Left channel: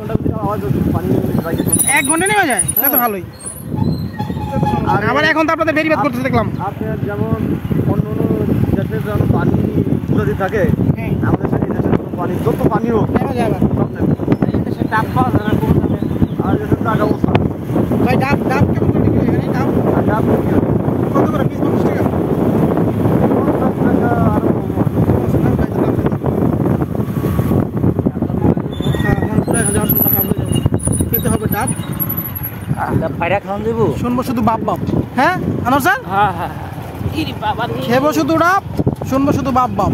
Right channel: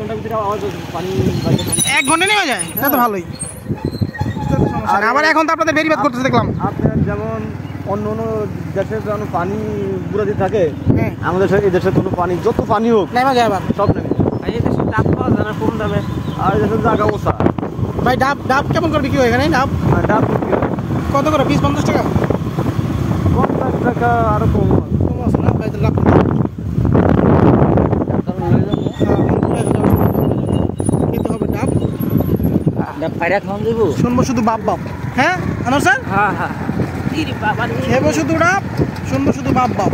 ঘন্টার ভিতরে আবার পানি লাগে। 1 ঘন্টা নেমে যায়, এটা তো ভালোই। আর আবার এখন তো আপনাদের বেরিবাদ করতেছে দেখলাম। আপনার যেমন অন্য অন্য দেশের যেমন পানি পুরো দিয়ে থাকে, আমাদের এই দেশের কোনো পানি যত পানি হোক নেমে যায় আবার সব নেমে। এই দেশের ডাব পাওয়া যায় না কম দামে, আর এই দেশের জায়গা অবস্থা। ভাই ডাব ডাব কেমন করে বিক্রি হয় এখানে? ডাব ডাব কত করে পিস? 50 টাকা? 50 টাকা আরো কম। খেতে হবে ডাব। পায়রা খাওয়ান দেবো, শুনবো শুধু বাপ বাপ। হ্যাঁ আনোয়ার স্যার? হ্যাঁ হ্যাঁ খেবো শুধু ডাব, শুনবো শুধু বাপ বাপ।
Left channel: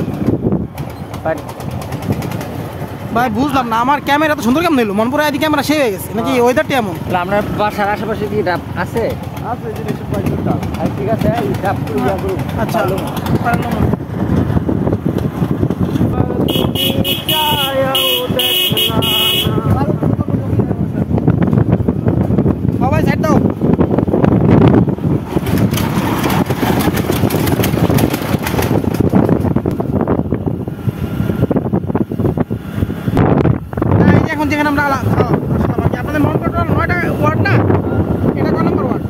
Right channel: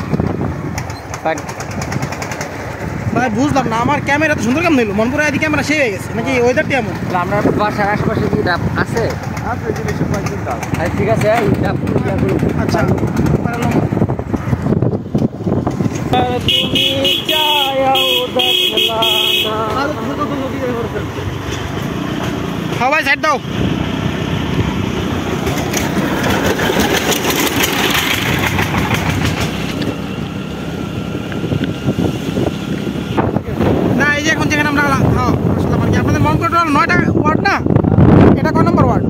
ভাই বুঝলাম না, আমার ক্যামেরা তো সুন্দর কেমন হইলো? মনপুরা এদিকে ক্যামেরা সে হয়ে গেছে নাকি ওয়েদারটা এমন? আপনার বাসার আশেপাশে কি ডাব আছে? আছে, জিনিস ডাব। ঠিক আছে, এই ডাব আচ্ছা পারলাম। সবাই সাইড দাও। না এই যে এখন যেখানে আমরা আসলাম আর কি, আপনাদের মনপুরা 9টা ওয়ার্ড না? এটা কত নম্বর ওয়ার্ড?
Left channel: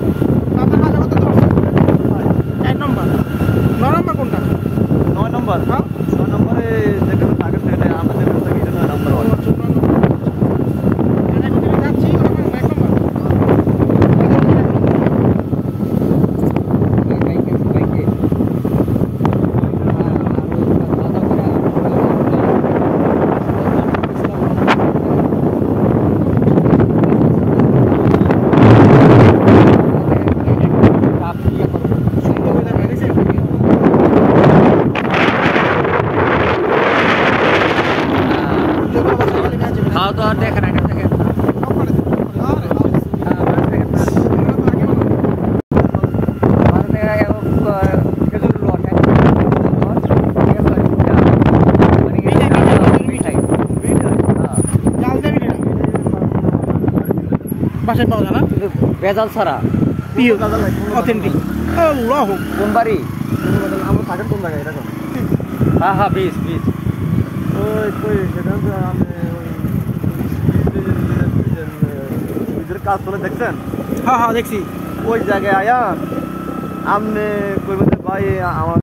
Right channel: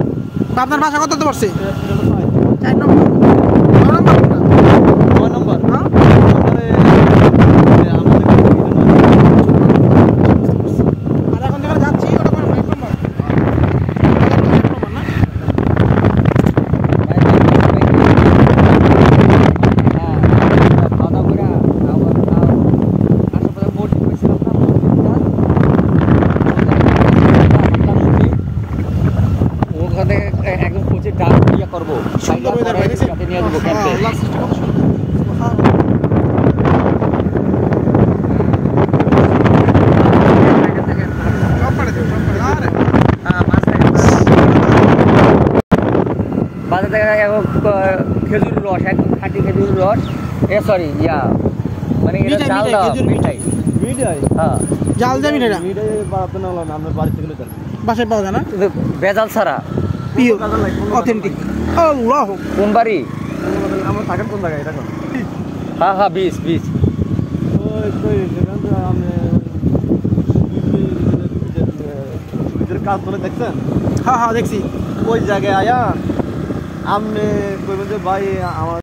আপনার ভাষা কত পড়ছে? 4 নম্বর। 9 নম্বর কোনটা? 9 নম্বর। হ্যাঁ খেজুর রস, এক খেজুর রস, সরি মানে জাল দেবেন এটা বাসায় পাওয়া যায় না? ভেজাল ছাড়া পিওর অথেন্টিক। আল্লাহ কোন বাড়ি? আমার থাকে কোন জায়গায় এটা? হ্যাঁ হ্যাঁ, বিচ বিচ। ওই সেখান থেকে আমি ব্রিজের কাজ চলে দেখছেন? হ্যাঁ হ্যাঁ দেখছি। ওই জায়গায় আয়া আপনি কইবেন যে ভাই আমার